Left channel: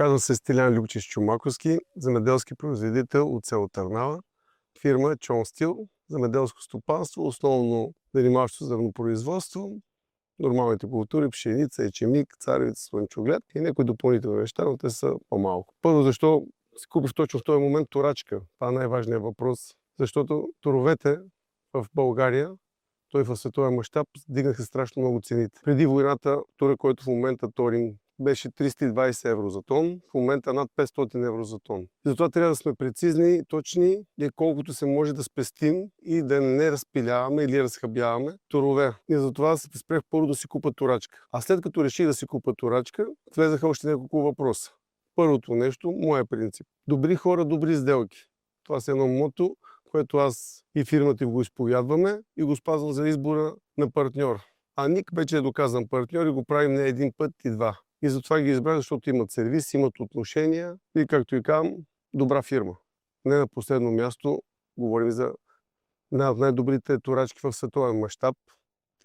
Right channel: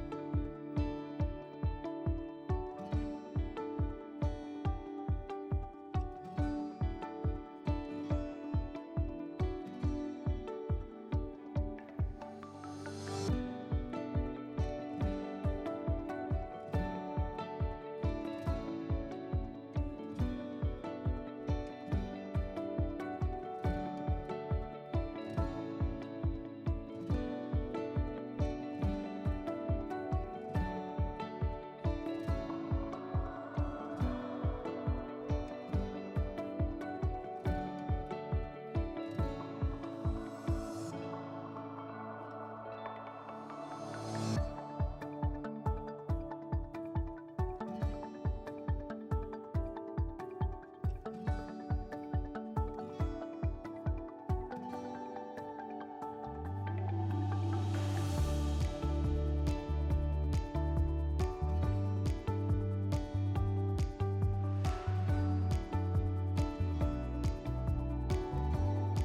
Казвам се Стилян Любчев Чомаковски, земеделски производител от село Търнава. Фирма Чон Стил, земеделско стопанство, основно занимаващо зърнопроизводство, нормалните култури, пшеница, ечемик, царевица, слънчоглед и някои допълнителни неща, но те са по-малко. Първо, защо си купих точно в този момент турачка? Това е най-важният въпрос, защото торовете в България, той в световен мащаб, дигнаха страшно много цените. Преди войната тура, който в момента торинг, беше 320 евро за тон, в момента над 500 евро за тон. Затова трябва да сме прецизни, точни и колкото се може да спестим и да не разпиляваме или разхабяваме торове. И затова спрех първо да си купа турачка. А след като реших да си купа турачка, влезаха още няколко въпроса. Първото нещо, моя принцип. Добри хора, добри сделки. Това е едно мото, което аз и фирмата го изповядваме и го спазвам за избора на партньор. А Ник вече е доказан партньор и го правим не един път и два. И затова ги избрах, защото имат сервис, имат отношения и, както и казвам, добра фирма. Не на последно място, говорим за една от най-добрите турачки в световен мащаб,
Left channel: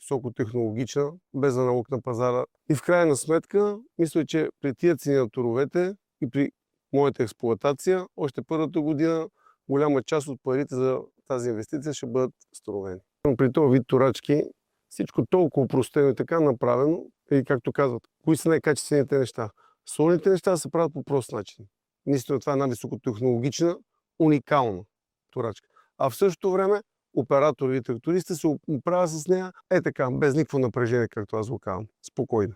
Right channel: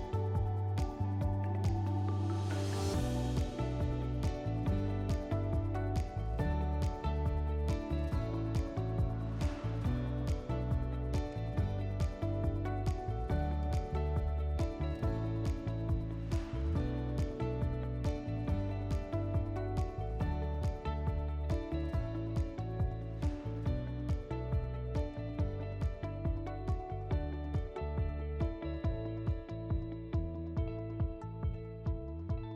високотехнологична, без аналог на пазара. И в крайна сметка, мисля, че при тия цени на торовете и при моята експлоатация, още първата година голяма част от парите за тази инвестиция ще бъдат възстановени. При този вид турачки всичко толкова простено и така направено, и както казват, кои са най-качествените неща? Солните неща се правят по прост начин. Наистина това е една високотехнологична, уникална турачка. А в същото време оператори и трактористи се оправят с нея така, без никакво напрежение, както аз го казвам, спокойно.